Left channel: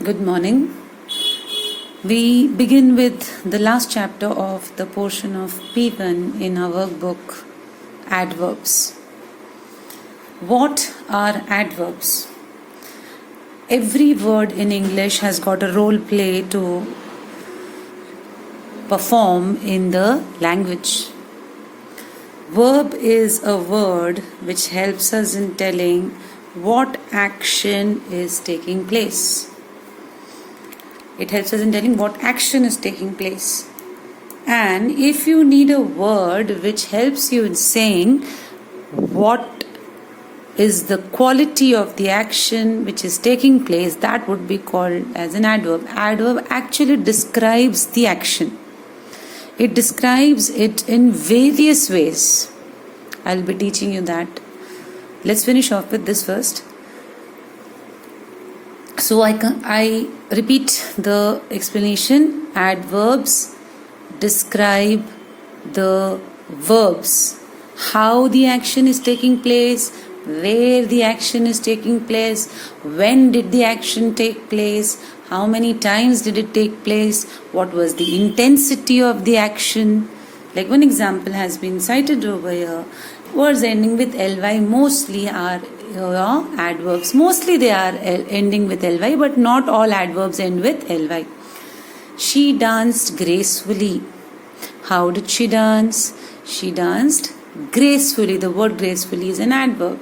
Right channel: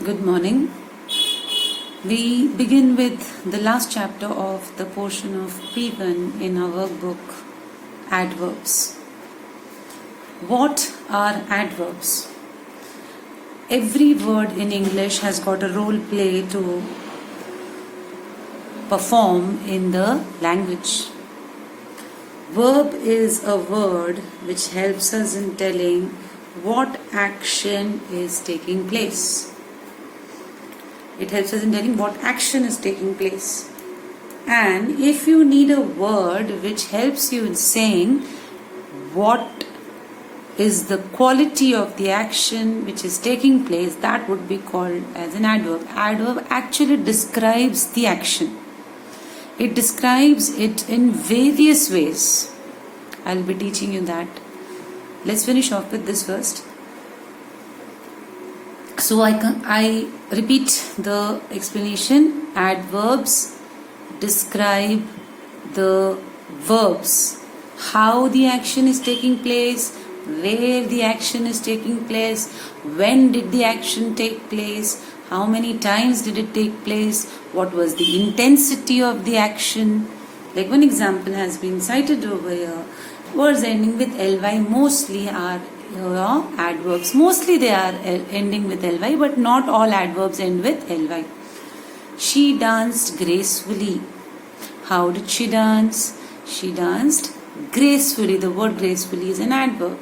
Good morning. We begin with the last chapter of the portion of P1 in our workbook, Adverbs. What are adverbs? Every word in English has got a role play to perform in the language. Verb is a word which helps us in telling what action is taking place. It helps us in telling what action is taking place. And if you need a word which helps you in saying what is the quality of the action which is taking place, that would be called as an adverb. Adverb actually describes the action. It describes it in various ways. I'll be teaching you that. Let's finish off with this first. So I repeat the explanation. Adverbs describe the verbs. How the action is taking place, where the action is taking place, when did the action take place, how many times did it take place, what was the intensity of the action. Like one example has been cited over here. Words ending with ly mostly are adverbs. Mostly they are ending with ly, but not all adverbs end with ly. She danced gracefully. How did she dance? She danced gracefully. The word gracefully is an adverb.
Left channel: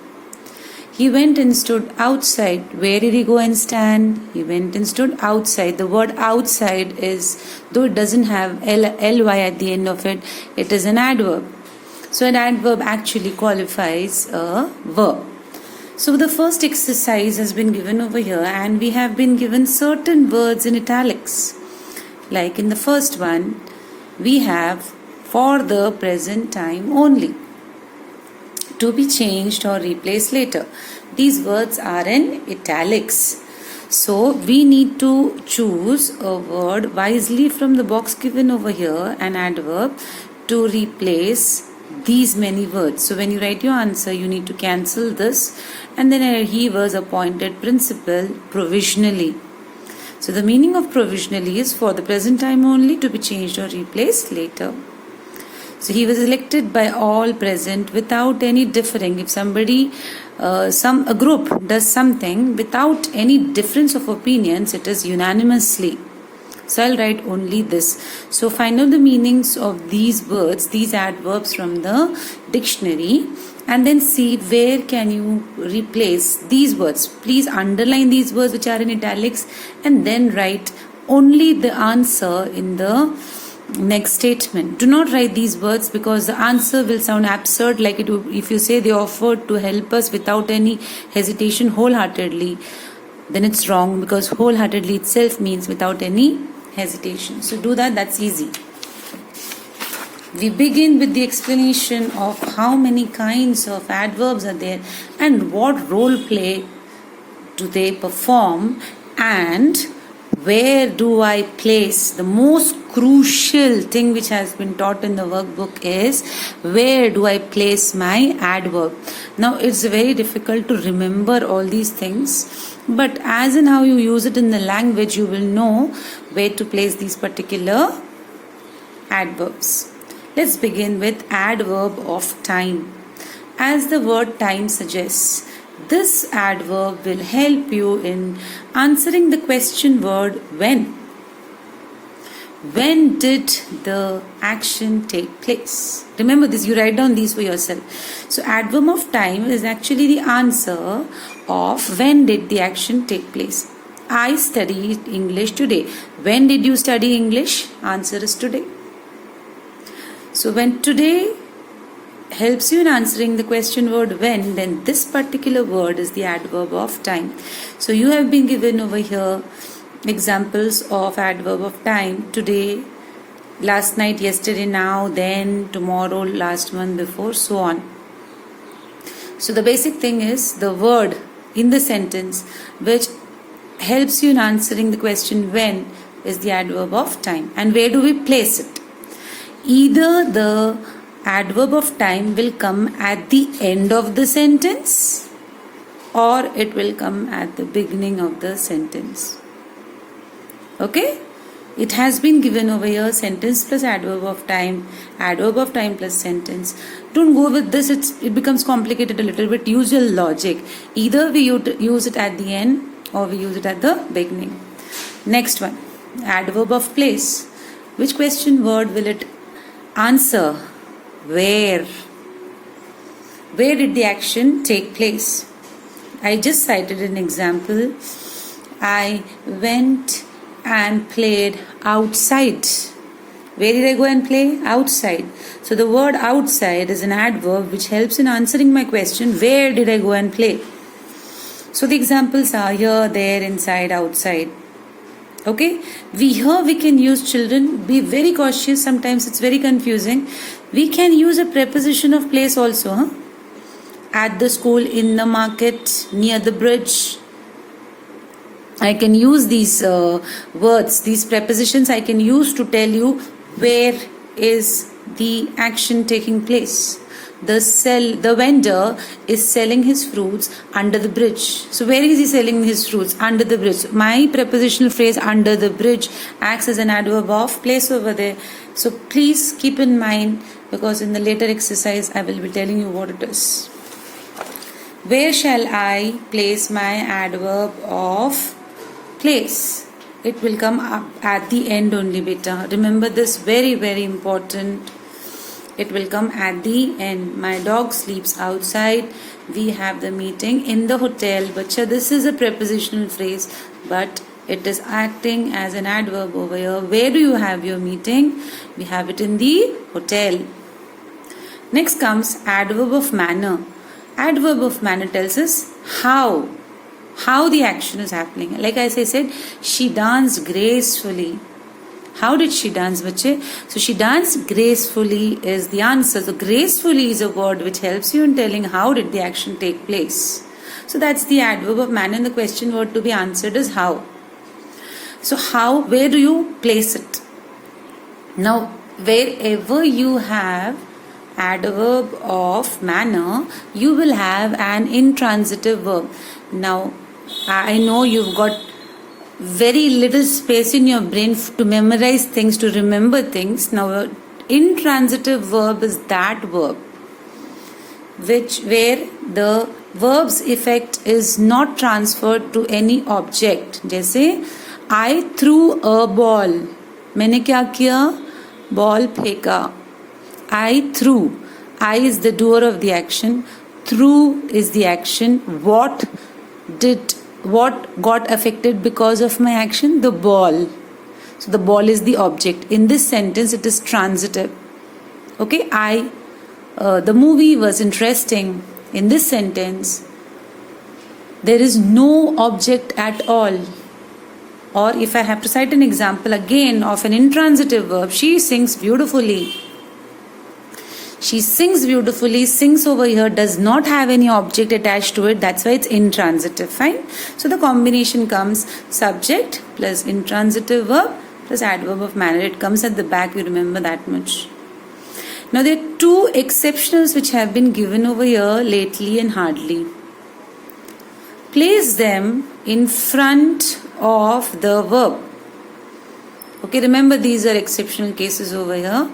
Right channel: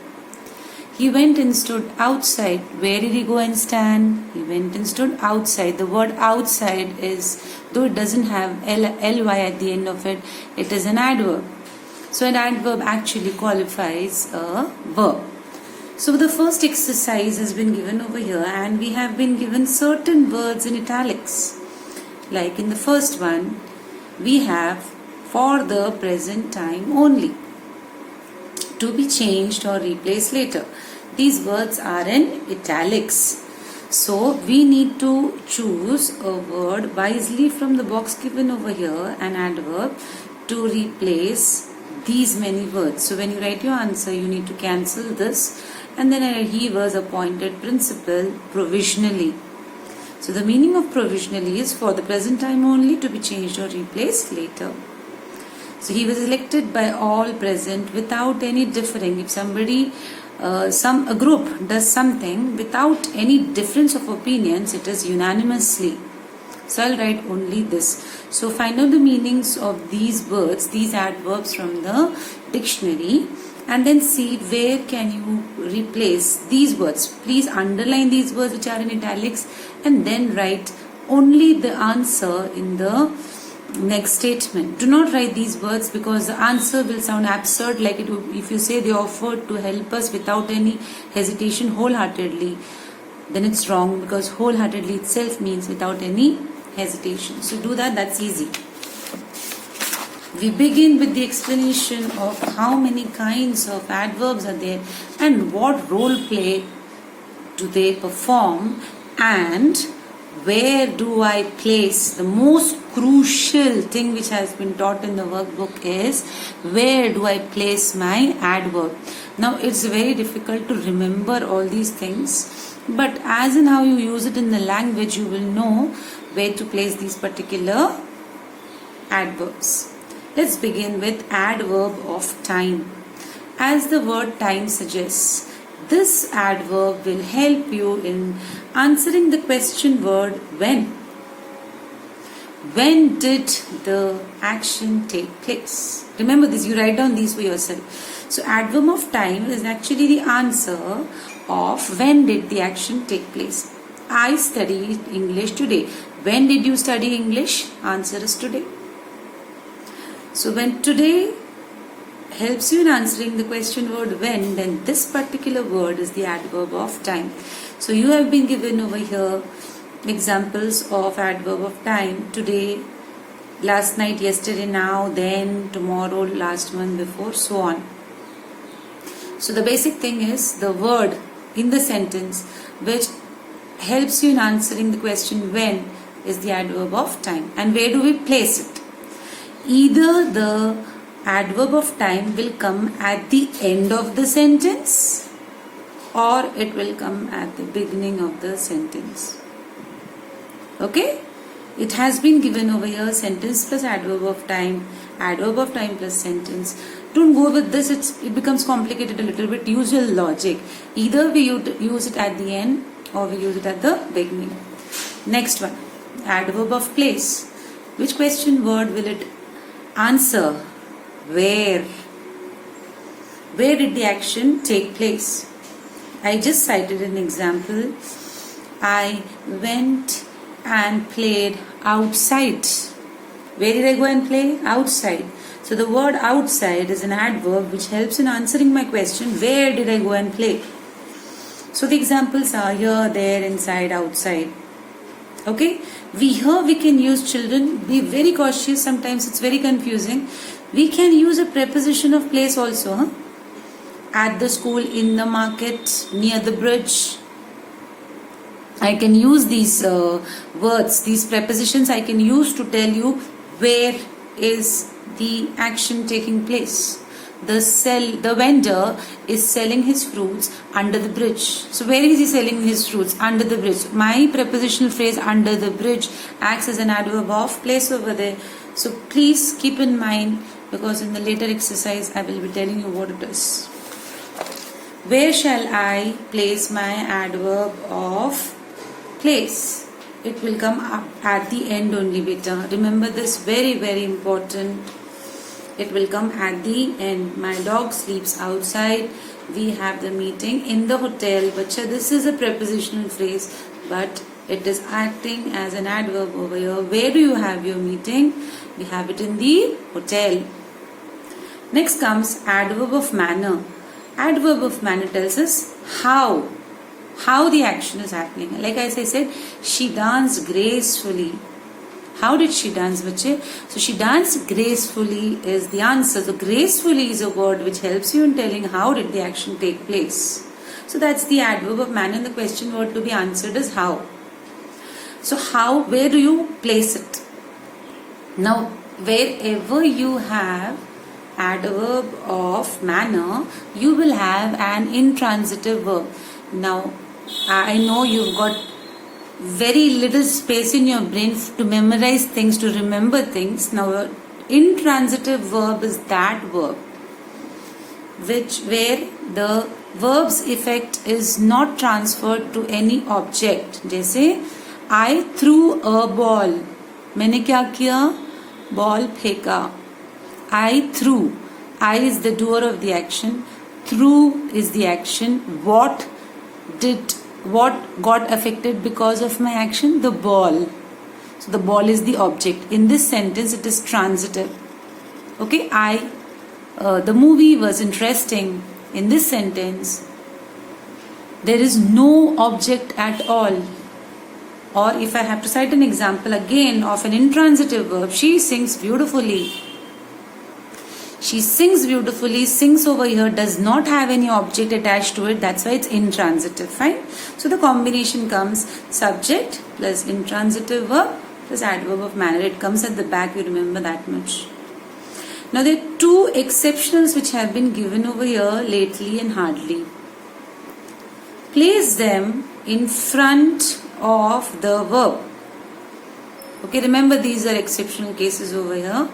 He went and stood outside. Where did he go and stand? He went and stood outside. The word outside is, though it doesn't have ly at the end of it, it is an adverb. So an adverb actually qualifies a verb. So the first exercise has been given over here, and we have been given certain words in italics. Like in the first one, we have for the present time only, to be changed or replaced later. These words are in italics. So we need to choose a word wisely from the box given over here, an adverb, to replace these many words. So when you write your answer, you need to cancel this, and then he was appointed principal provisionally. So the meaning of provisionally is for the present time only, to be changed or replaced later. So he was elected by all present without any differing. If somebody, a group does something without any difference of opinions, it is unanimously. So I'll write only this. So find out the meanings of these words, these adverbs from the dictionary, and then see where can you replace these words. Please underline these words which are in italics, and then write only the answer in the next statement. Do not write these words, because the answer will sound absurd, like it would if you say they offered to help us without any hesitation wholeheartedly. Then it's wrong, because wholeheartedly itself means without any hesitation. So do that, that's easy. We begin with the explanation of how many kinds of adverbs are there and what role play do they perform, and where do I place. The most crucial thing which has been taught in the workbook is, where do I place my adverb. Now it's very difficult to remember all these things, but as in how you use it in the language, you will know where to place these particular adverbs. Let's begin with adverb of time. As the word time suggests, this adverb will help you in answering the question word when. When did the action take place? Remember this, you write down these for yourself. So adverb of time is actually the answer of when did the action take place. I studied English today. When did you study English? Answer is today. So when today helps you in answering the question word when, then this particular word is the adverb of time. So you have been given over here examples of adverb of time: today, last night, yesterday, now, then, tomorrow, last month, before, so on. So the basic thing is the word in the sentence which helps you in answering the question when is the adverb of time. And where do we place it? Either the adverb of time will come at the end of the sentence, or it will come at the beginning of the sentence. Okay? It has been given over here, sentence plus adverb of time plus sentence. Don't go with this, it becomes complicated a little bit. Use your logic. Either we use it at the end or we use it at the beginning. Next one, adverb of place. Which question word will it answer? Where? Where did the action take place? I just cited an example. I went and played outside. Where did I go and play? Outside. So the word outside is an adverb which helps in answering my question, where did I go and play? So the examples are here, there, inside, outside. Okay? Here we can use children. Be very cautious. Sometimes it's very confusing. We can use a preposition of place also. Huh? At the school, in the market, near the bridge. I can use these words, these prepositions I can use to tell you where is the action taking place. The vendor is selling his fruits under the bridge. So where is he selling his fruits? Under the bridge. My prepositional phrase under the bridge acts as an adverb of place over there. So please keep in mind, because in the later exercise I will be telling you what it is. Where shall I place my adverb of place? It will come up at the end only, beta. Remember this, very, very important. It will come at the end. My dog sleeps outside. We have the meeting in the hotel. Bacha, this is a prepositional phrase, but it is acting as an adverb over here. Where do you have your meeting? We have it in the hotel. Next comes adverb of manner. Adverb of manner tells us how the action is happening. Like as I said, she danced gracefully. How did she dance, bache? So she danced gracefully is the answer. So gracefully is a word which helps you in telling how did the action take place. So that's the adverb of manner, and the question word to be answered is how. So how, where do you place it? Now, wherever you have adverb of manner, you will have an intransitive verb. Now, I know you've got very little space in your brain to memorize things, to remember things. Now, intransitive verb is that verb where the verb's effect is not transferred to any object. जैसे I threw a ball. मैंने क्या किया? Ball फेंका. I threw. I is the doer of the action. Threw is the action. What got affected because of my action? The ball. So the ball is the object. In this sentence, it is transitive. Okay, the movie was interesting. In this sentence, there is no object at all. Or if I have to cite an example again of an intransitive verb, she sings beautifully. She sings beautifully. Sings over here does not have any object attached to it. That's why it's intransitive. Fine. So the combination comes subject plus intransitive verb plus adverb of manner. It comes at the back. You remember that much. Now there are two exceptionals which have been given over here, lately and hardly. Place them in front of the verb. Okay, remember these are exceptional cases over here.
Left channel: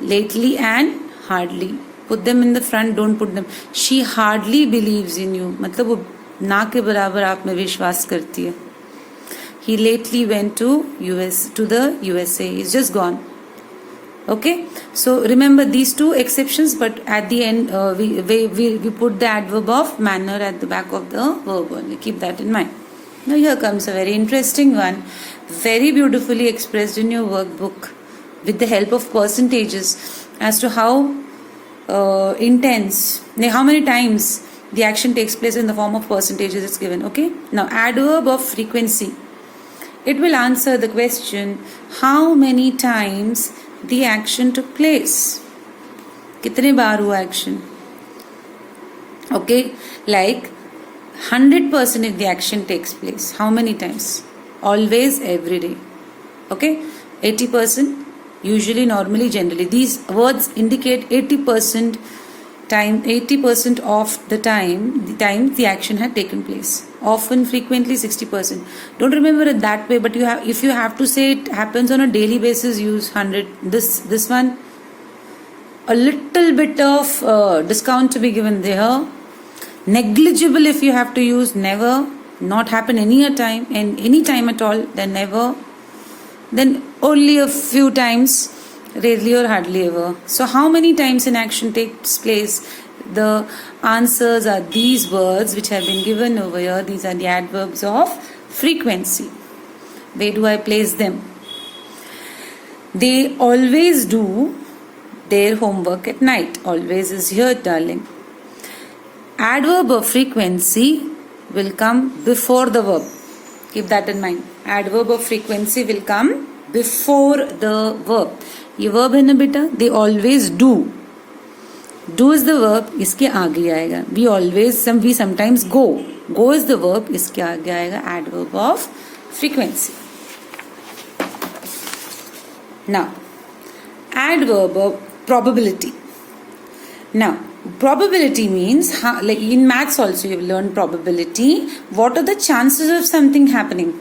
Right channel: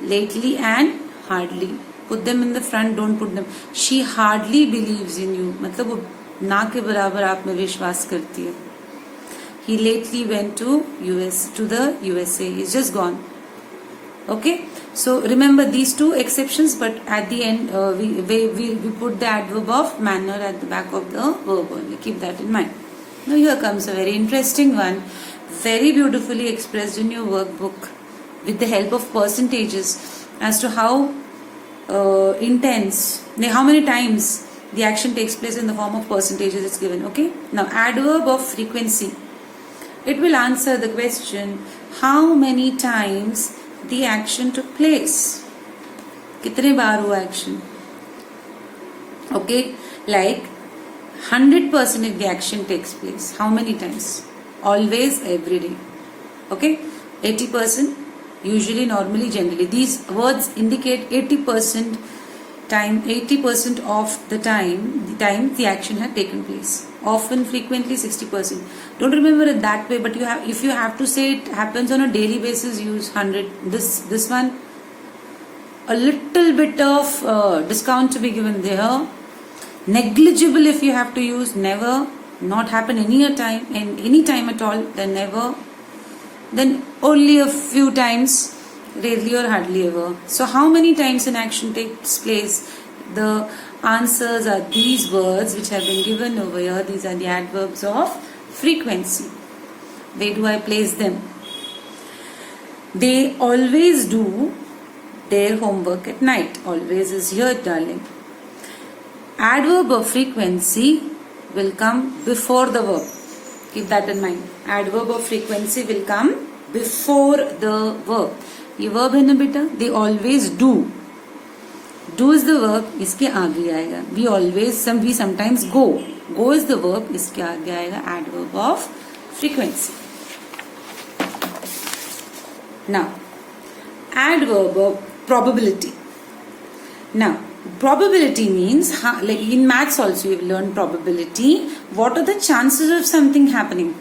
Lately and hardly. Put them in the front, don't put them. She hardly believes in you. मतलब वो ना के बराबर आप में विश्वास करती है. He lately went to the USA. He's just gone. Okay. So remember these two exceptions, but at the end we put the adverb of manner at the back of the verb. Keep that in mind. Now here comes a very interesting one, very beautifully expressed in your workbook with the help of percentages as to how intense, how many times the action takes place in the form of percentages it's given. Okay. Now adverb of frequency. It will answer the question how many times the action took place. कितने बार हुआ action? Okay, like 100% if the action takes place. How many times? Always, every day. Okay, 80%. Usually, normally, generally. These words indicate 80% time, 80% of the time the action had taken place. often, frequently, 60%. Don't remember it that way, but if you have to say it happens on a daily basis, use 100. This one, a little bit of discount to be given there. Negligible if you have to use never, not happen any time at all, then never, then only a few times, rarely or hardly ever. So how many times an action takes place? The answers are these words which have been given over here. These are the adverbs of frequency. Where do I place them? They always do their homework at night. Always is here, darling. Adverb of frequency will come before the verb. Keep that in mind. Adverb of frequency will come before the verb. ये verb है ना बेटा? They always do. Do is the verb. इसके आगे आएगा. We sometimes go. Go is the verb. इसके आगे आएगा adverb of frequency. Now, adverb of probability. Now, probability means, like in maths also you have learned probability. What are the chances of something happening?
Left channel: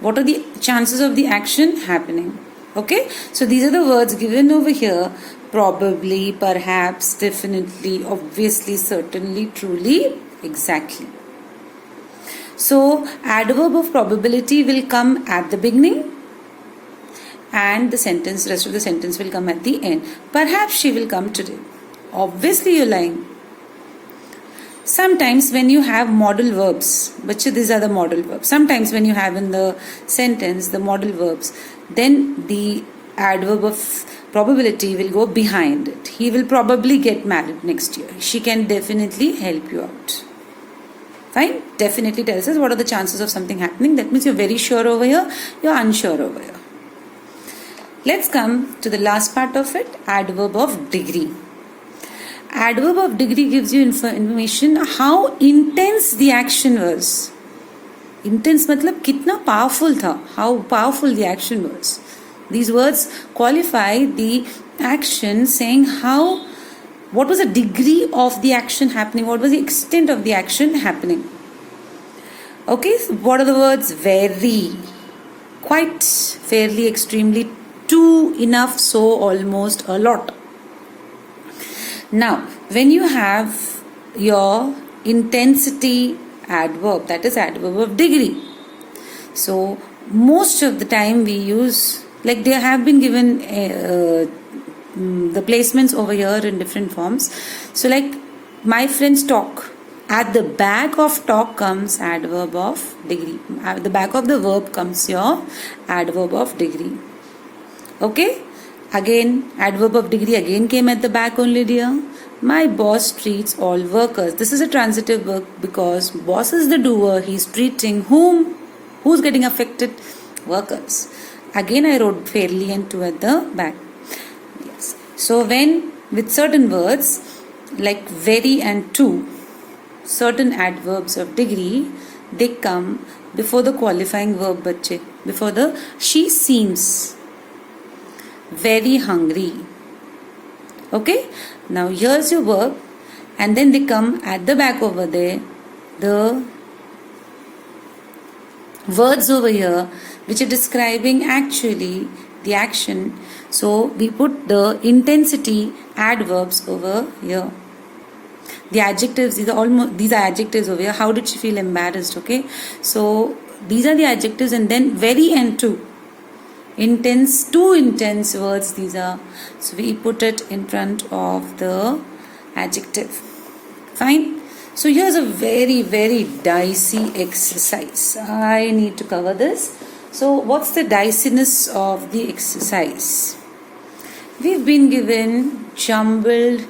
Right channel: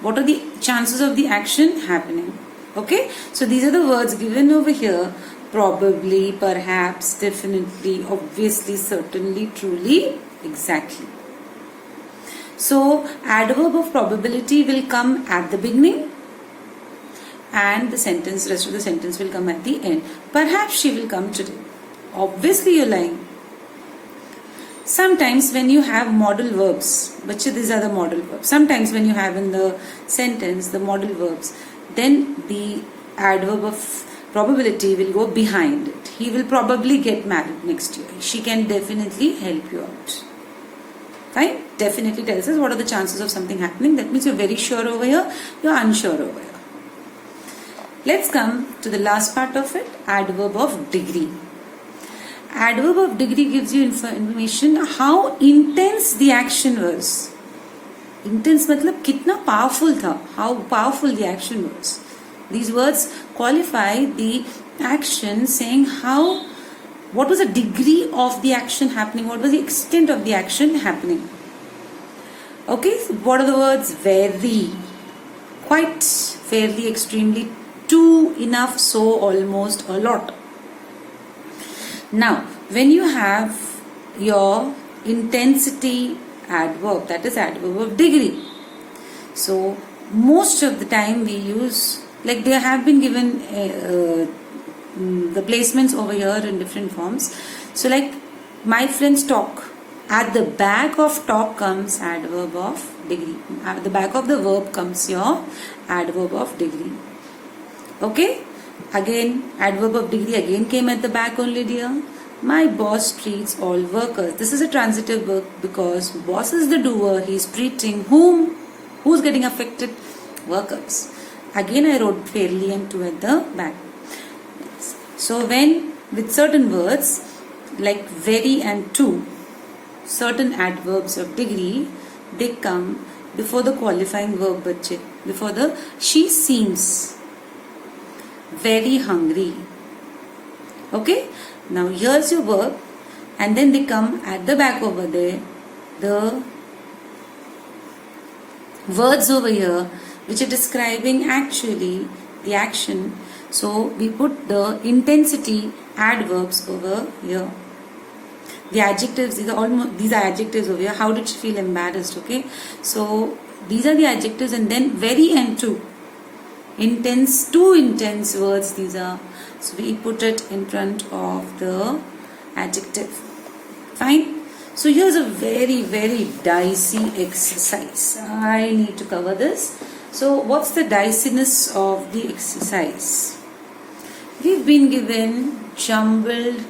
What are the chances of the action happening? Okay, so these are the words given over here. Probably, perhaps, definitely, obviously, certainly, truly, exactly. So, adverb of probability will come at the beginning and rest of the sentence will come at the end. Perhaps she will come today. Obviously, you're lying. Sometimes when you have modal verbs, but these are the modal verbs. Sometimes when you have in the sentence the modal verbs, then the adverb of probability will go behind it. He will probably get married next year. She can definitely help you out. Fine? Definitely tells us what are the chances of something happening. That means you're very sure over here, you're unsure over here. Let's come to the last part of it, adverb of degree. Adverb of degree gives you information how intense the action was. Intense मतलब कितना powerful था, how powerful the action was. These words qualify the action, saying what was the degree of the action happening, what was the extent of the action happening. Okay, so what are the words? Very, quite, fairly, extremely, too, enough, so, almost, a lot. Now, when you have your intensity adverb, that is adverb of degree. So, most of the time we use, like they have been given the placements over here in different forms. So, like my friends talk. At the back of talk comes adverb of degree. At the back of the verb comes your adverb of degree. Okay? Again, adverb of degree again came at the back only, dear. My boss treats all workers. This is a transitive verb because boss is the doer. He is treating whom? Who's getting affected? Workers. Again, I wrote fairly and to at the back. So, when with certain words like very and to, certain adverbs of degree, they come before the qualifying verb, bachche. Before the she seems very hungry. Okay? Now here's your verb and then they come at the back over there. The words over here which are describing actually the action. So we put the intensity adverbs over here. The adjectives, these are adjectives over here. How did she feel embarrassed? Okay. So these are the adjectives and then very and to. Intense, two intense words these are. So we put it in front of the adjective. Fine. So here's a very, very dicey exercise. I need to cover this. So what's the diciness of the exercise? We've been given jumbled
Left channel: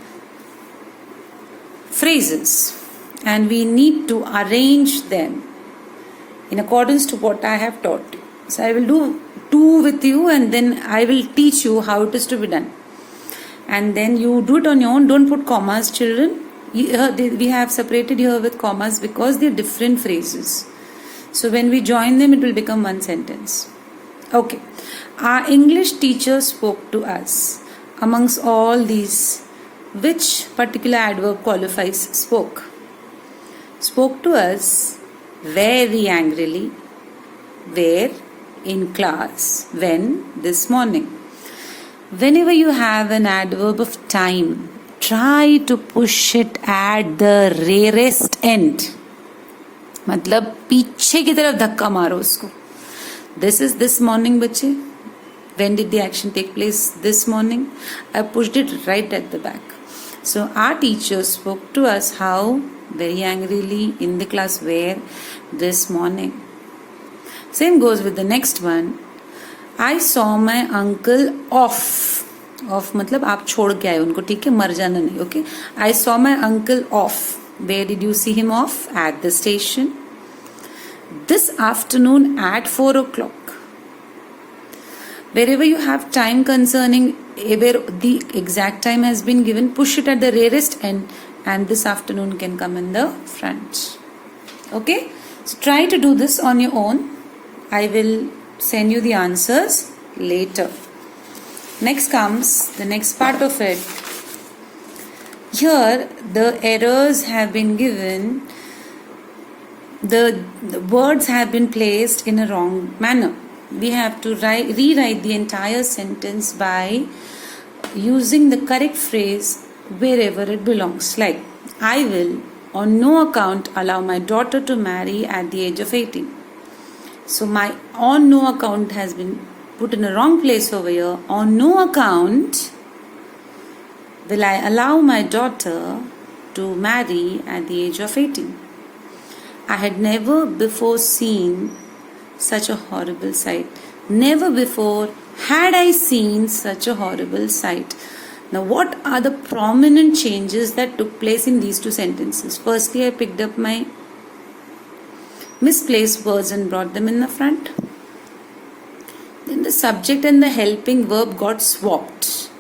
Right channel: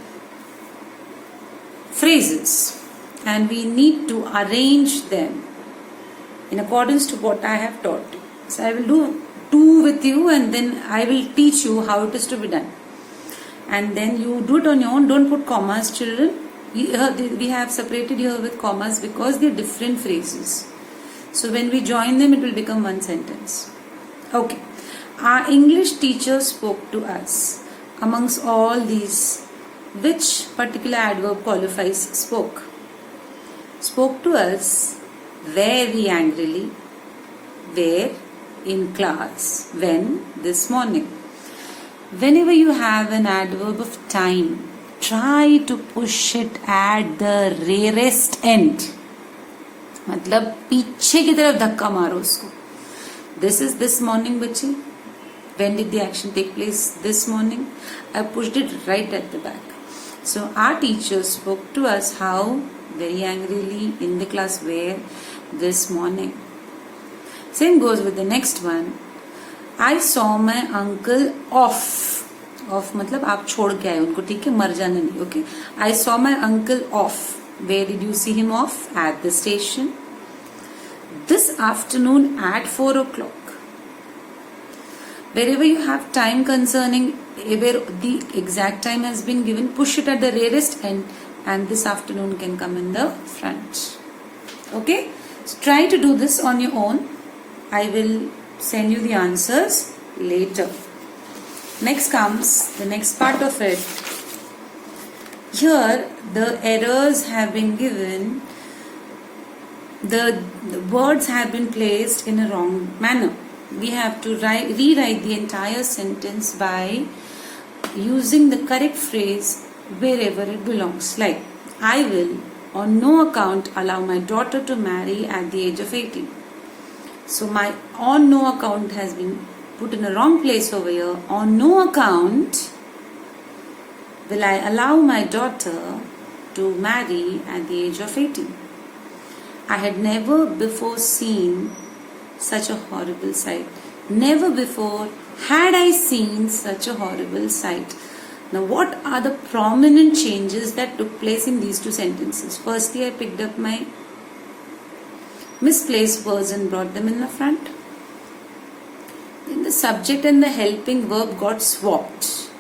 phrases and we need to arrange them in accordance to what I have taught you. So I will do two with you and then I will teach you how it is to be done. And then you do it on your own. Don't put commas, children. We have separated here with commas because they are different phrases. So when we join them, it will become one sentence. Okay. Our English teacher spoke to us. Amongst all these, which particular adverb qualifies spoke? Spoke to us very angrily. Where? In class. When? This morning. Whenever you have an adverb of time, try to push it at the rearest end. मतलब पीछे की तरफ धक्का मारो उसको. This is this morning, बच्चे. When did the action take place? This morning. I pushed it right at the back. So our teacher spoke to us how? Very angrily in the class. Where? This morning. Same goes with the next one. I saw my uncle off. Off मतलब आप छोड़ के आए उनको, ठीक है, मर जाना नहीं. Okay. I saw my uncle off. Where did you see him off? At the station. This afternoon at 4 o'clock. Wherever you have time concerning where the exact time has been given, push it at the rearest end, and this afternoon can come in the front. Okay? So try to do this on your own. I will send you the answers later. Next comes the next part of it. Here the errors have been given. The words have been placed in a wrong manner. We have to rewrite the entire sentence by using the correct phrase wherever it belongs. Like, I will on no account allow my daughter to marry at the age of 18. So my on no account has been put in a wrong place over here. On no account will I allow my daughter to marry at the age of 18. I had never before seen such a horrible sight. Never before had I seen such a horrible sight. Now, what are the prominent changes that took place in these two sentences? Firstly, I picked up my misplaced words and brought them in the front. Then the subject and the helping verb got swapped.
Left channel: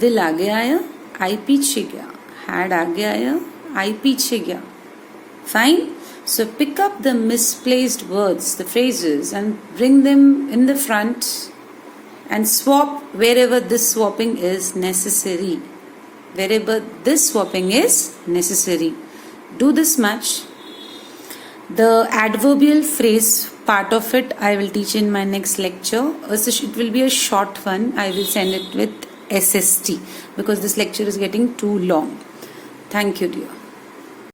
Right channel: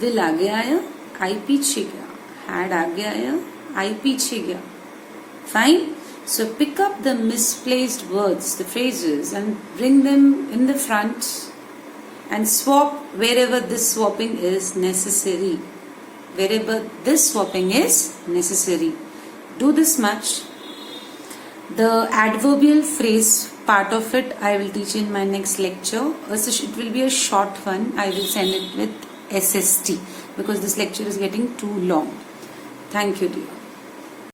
Will आगे आया, I पीछे गया. Had आगे आया, I पीछे गया. Fine. So pick up the misplaced words, the phrases, and bring them in the front and swap wherever this swapping is necessary. Wherever this swapping is necessary. Do this much. The adverbial phrase part of it I will teach in my next lecture. It will be a short one. I will send it with SST because this lecture is getting too long. Thank you, dear.